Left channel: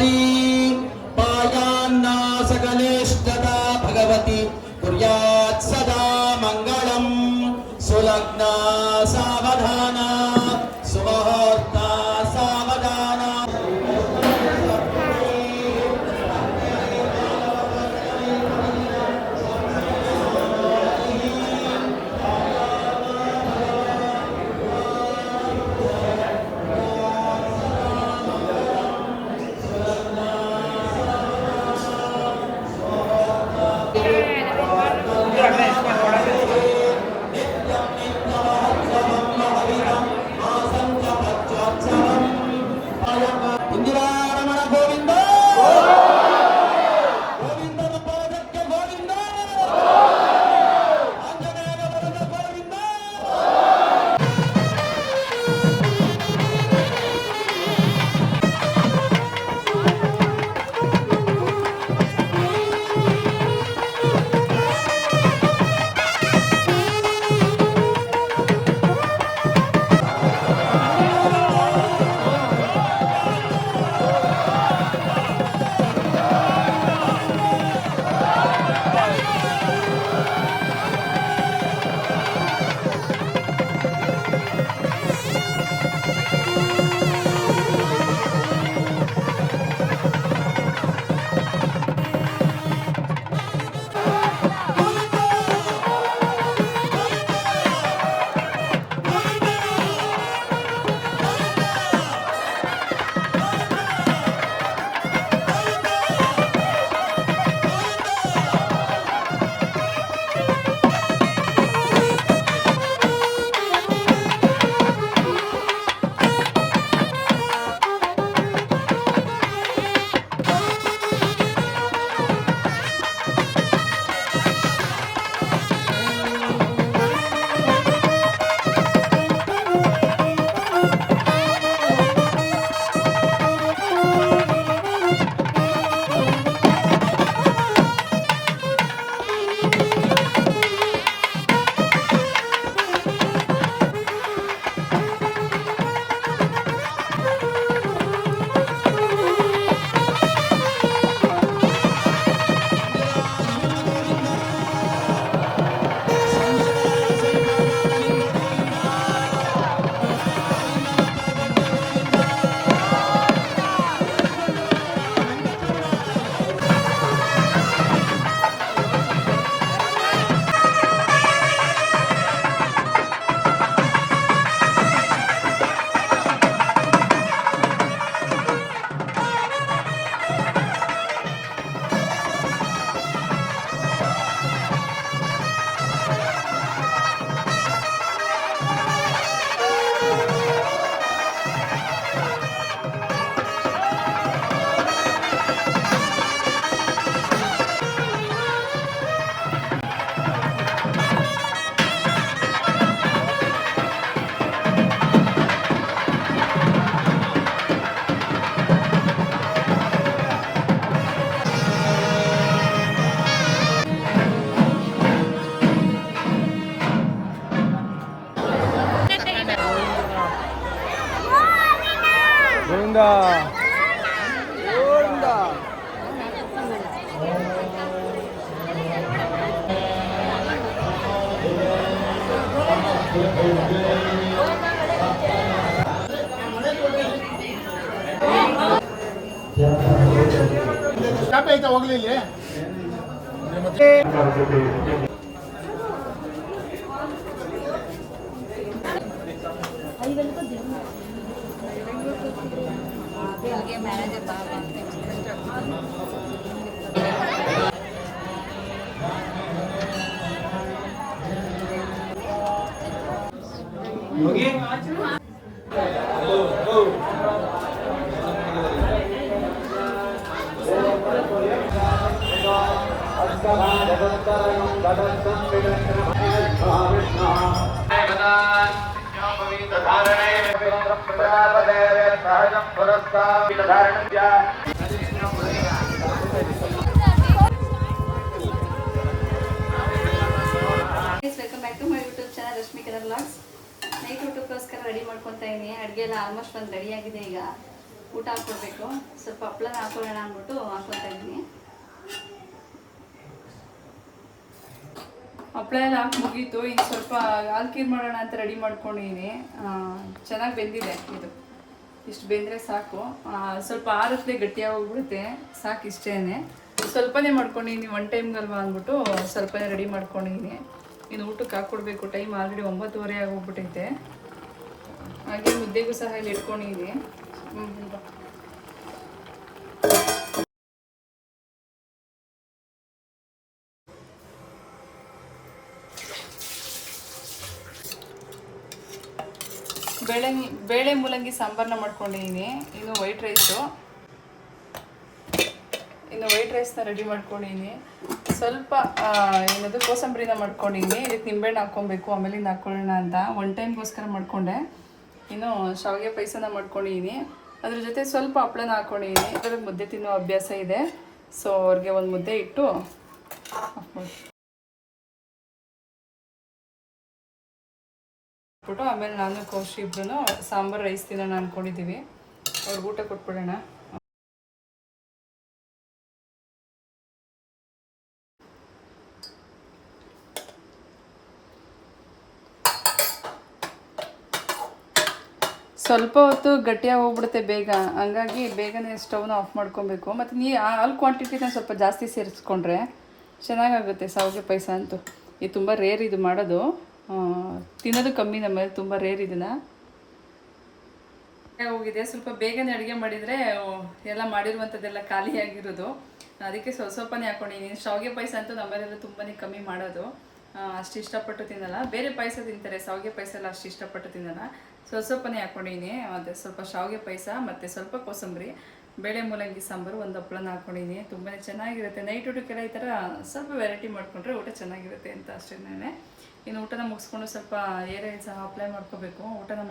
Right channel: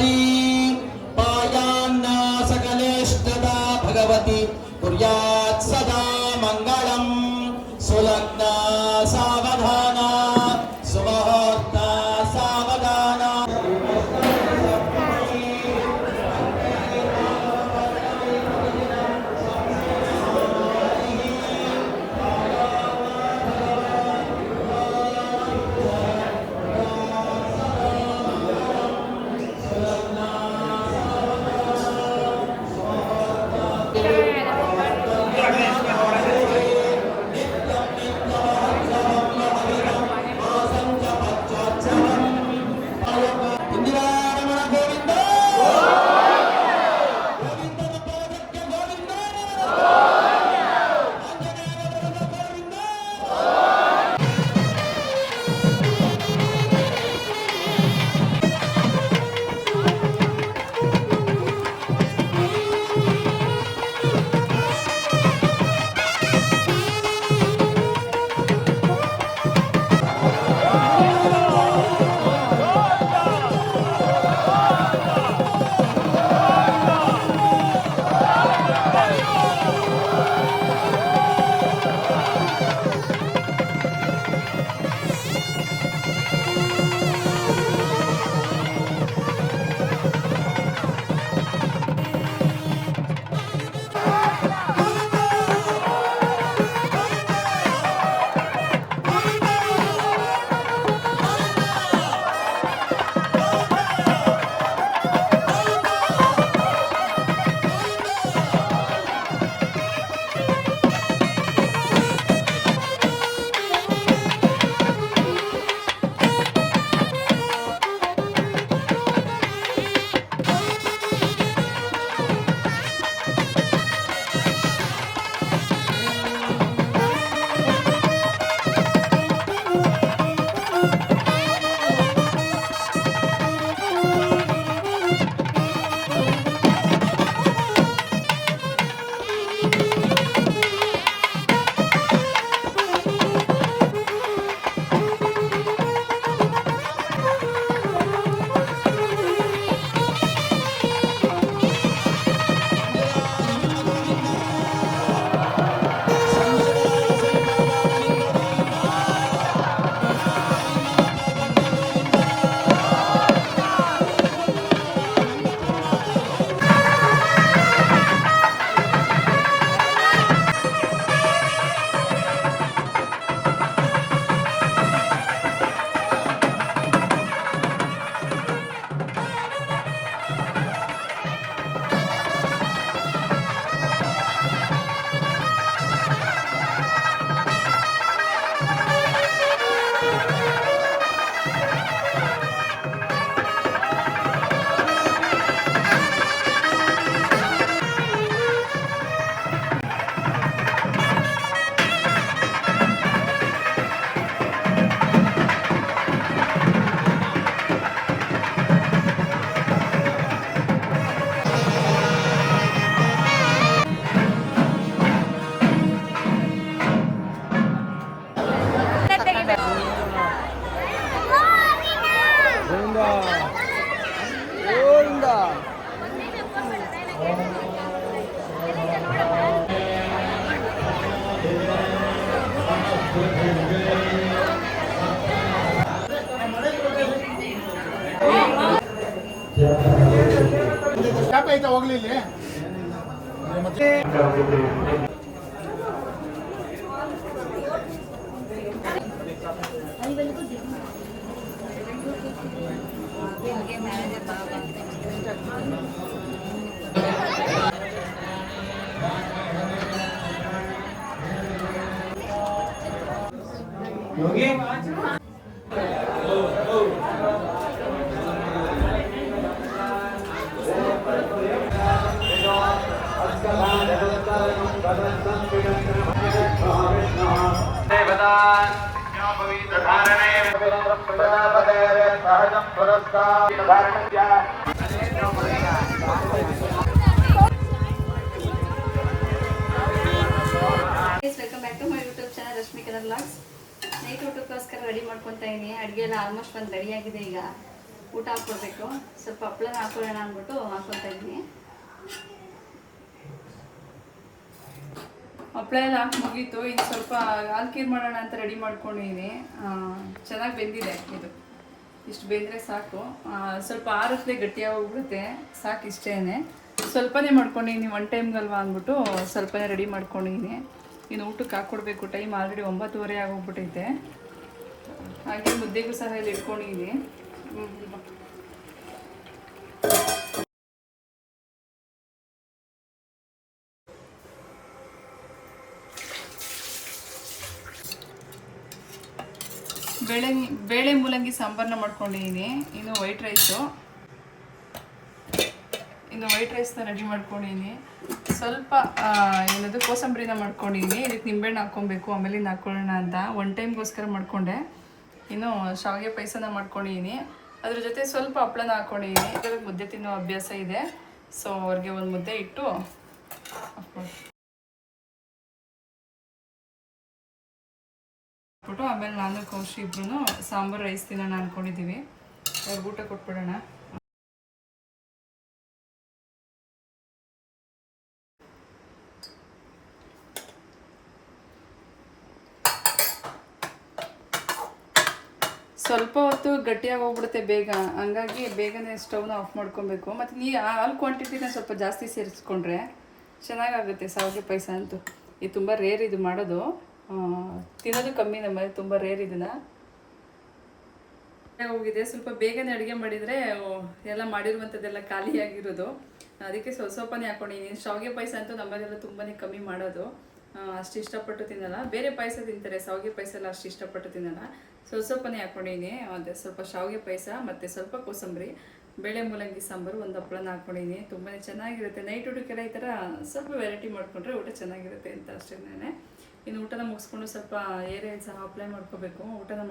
कुमारी पायान्ना सकलेष्टदा भगवती कुर्यात् सदा मङ्गलम् सुलग्ना सावधाना सुमुहूर्ता सावधाना ಐತೆ ಹೋಗ್ಲಿ ಇಲ್ಲಿ ಮ್ಯಾನೇಜರ್ ಬಾಬಾ योगी welcome back to my YouTube channel Rashmi colour vlogs. Night ಊಟಕ್ಕೋಸ್ಕರ ರೆಡಿ ಮಾಡ್ಕೊತಾ ಇದ್ದೀನಿ. ಅಡುಗೆ ಎಲ್ಲ ಆಲ್ಮೋಸ್ಟ್ ಒಂದು ರೆಡಿ ಆಗಿದೆ. ಈಗ ಊಟ ಹಾಕ್ಕೊಡ್ಬೇಕು. ಸ್ವಲ್ಪ ಹಪ್ಳನ ಹಾಕೊಳ್ಳೋಣ ಅಂದ್ಬಿಟ್ಟು ಹಾಕ್ಕೊತಾ ಇದ್ದೀನಿ. ಹಪ್ಪಳ ಎಲ್ಲ ಹಾಕಿ ಮುಗೀತು. ಇನ್ನು ಸ್ವಲ್ಪ ಹಾಲು ಖೀರ್ ಮಾಡೋಣ ಅಂತ ರೆಡಿ ಮಾಡ್ಕೊಂಡಿದ್ದೀನಿ. ಚೆನ್ನಾಗಿ ಬೆಂದಿದೆ ಇದು. ಇಷ್ಟು ಬೆಂದರೆ ಸಾಕು. ಸ್ವಲ್ಪ ಆರತ್ಲೆ ಗಟ್ಟಿಯಾಗಿ ಹೋಗ್ಬಿಡುತ್ತೆ, ಸಾಕು ಇಷ್ಟೇ. ಸ್ವಲ್ಪನೇ ಮಾಡ್ಕೊಂಡಿದ್ದೀನಿ, ಒನ್ ಟೈಮ್ಗಲ್ವಾ ಅಂದ್ಬಿಟ್ಟು ಸ್ವಲ್ಪನೇ ರೆಡಿ ಮಾಡ್ಕೊಂಡಿದ್ದೀನಿ. ಇನ್ನು ಊಟಕ್ಕೆ ಹಾಕ್ಕೊಡ್ಬೇಕು. Time already 9:30 ಆಗೋಗ್ಬಿಟ್ಟೈತೆ. ಹಾಗೆ ಮುದ್ದೆಗೂ ಸಹ ಇಲ್ಲಿ ಇಟ್ಕೊಂಡಿದ್ದೀನಿ. ಬೇಳೆ ಮೂಲಂಗಿ ಸಾಂಬಾರನ್ನ ಮಾಡ್ಕೊಂಡಿದ್ದೀನಿ. ಇನ್ನು ವೈಟ್ ರೈಸ್ನ ರೆಡಿ ಮಾಡ್ಕೊಂಡಿದ್ದೀನಿ. ಸ್ವಲ್ಪ ಏನದು ಕೋಸಂಬರಿನ ಮಾಡ್ಕೊಂಡಿದ್ದೀನಿ. ಇದಕ್ಕೆ ನಿಂಬೆಹಣ್ಣು ಹಾಕ್ಕೊಬೇಕು, ಆಮೇಲೆ ಇನ್ನು ಹಾಕ್ಕೊಳ್ಳೋಣ ಅಂತ ಒನ್ ಟೈಮ್ಗೋಸ್ಕರ ಮಾಡಿಕೊಂಡೆ. ಇನ್ನು ಶಾವಿಗೆ ಪಾಯಸನ ಮಾಡ್ಕೊಂಡಿದ್ದೀನಿ. ಅದ್ರ ಜೊತೆ ಸ್ವಲ್ಪ ಹಪ್ಪಳನ ಹಾಕ್ಕೊಂಡಿದ್ದೀನಿ. ಇದರಲ್ಲಿ ಮುದ್ದೆ ತಿನ್ನೋ ಅಭ್ಯಾಸ ಇದೆ. ಸೊ ಅವ್ರಿಗೆ ಒಂದು ಮುದ್ದೆ ಇಟ್ಟು ಆಮೇಲೆ ನಾನು ಕೌಶಿ ಇಬ್ರು ಸಾಂಬಾರು ರೈಸ್ ತಿನ್ನೋಣ ಅಂದ್ಕೊಂಡಿದ್ದೀವಿ. ಅವ್ರಿಗೆ ಊಟ ಕೊಟ್ಬಿಡೋಣ. ಸ್ವಲ್ಪ ಹೊತ್ತು ಗಟ್ಟಿಯಾಗಿ ಹೋಗ್ಬಿಡುತ್ತೆ ಬೇಗ, ಹಂಗಾಗಿ ಬೇಗನೆ ಸ್ಟವ್ನ ಆಫ್ ಮಾಡ್ಕೊಬೇಕು. ಮತ್ತು ಹಾಲು ಕ್ವಾಂಟಿಟಿನ ಸ್ವಲ್ಪ ಜಾಸ್ತಿ ಸೇರಿಸ್ಕೊಂಡ್ರೆ ಚೆನ್ನಾಗಾಗುತ್ತೆ ಶಾವಿಗೆ ಪಾಯಸ ಅಂತೂ. ಇದು ತುಂಬ ರೇರ್ ಇದು ಮಾಡೋದು, ತಿನ್ನೋದು ಕಮ್ಮಿ ನಮ್ಮಲ್ಲಿ, ತುಂಬ ರೇರ್ ಇದನ್ನು. ಹೋಗಿದೆ ಸ್ವಲ್ಪ ಬೇಗನೆ ಅಡುಗೆ ಮಾಡಿದರೆ ಎಲ್ಲ ಮಾಡಿರುವಂಥದ್ದೆಲ್ಲ ಖಾಲಿಯಾಗಿರೋದು. ಅದಕ್ಕೆ ಸ್ವಲ್ಪನೇ ಹಾಕ್ಕೊಂಡಿದ್ದೀನಿ. ಶಾವಿಗೆ ಪಾಯಸ ಅಂತೂ ನಮ್ಮಲ್ಲೆಲ್ಲ ತುಂಬಾ ಕಮ್ಮಿ ಮಾಡೋದು, ಅಷ್ಟು ಇಷ್ಟಪಟ್ಟು ತಿನ್ನಲ್ಲ. ಬೇರೆ ಪಾಯಸ ತಿಂತಾರೆ, ಶಾವಿಗೆ ಪಾಯಸ ಎಲ್ಲ ಅಷ್ಟು ಇಷ್ಟಪಟ್ಟು ತಿನ್ನಲ್ಲ. ಸ್ವಲ್ಪನೇ ಹಾಕ್ಕೊಂಡಿದ್ದೀನಿ. ಅದೇ ಸ್ವಲ್ಪ ಶಾವಿಗೆ ಪಾಯಸ ಮತ್ತು ಸ್ವಲ್ಪ ಕೋಸಂಬರಿ, ಬೇಳೆ ಮೂಲಂಗಿ ಸಾಂಬಾರು, ಒಂದು ಹಪ್ಪಳನ ಹಾಕ್ಕೊಂಡಿದ್ದೀನಿ. ತುಂಬಾ ಚೆನ್ನಾಗಿರುತ್ತೆ. ನೈಟ್ ಊಟಕ್ಕೆಲ್ಲ ಈ ಥರ ಸ್ವಲ್ಪ ವೆರೈಟಿ ಮಾಡಿಕೊಂಡ್ರೆ ಊಟ ಚೆನ್ನಾಗಿರುತ್ತೆ ಅಂತ ಅಷ್ಟೇ. ಇನ್ನು ಊಟನ ಮುಗಿಸ್ಕೊಂಡು ಸ್ವಲ್ಪ ಏರ್ ಸಹ ಅಪ್ಲೈ ಮಾಡ್ಕೋಬೇಕು. ಊಟನ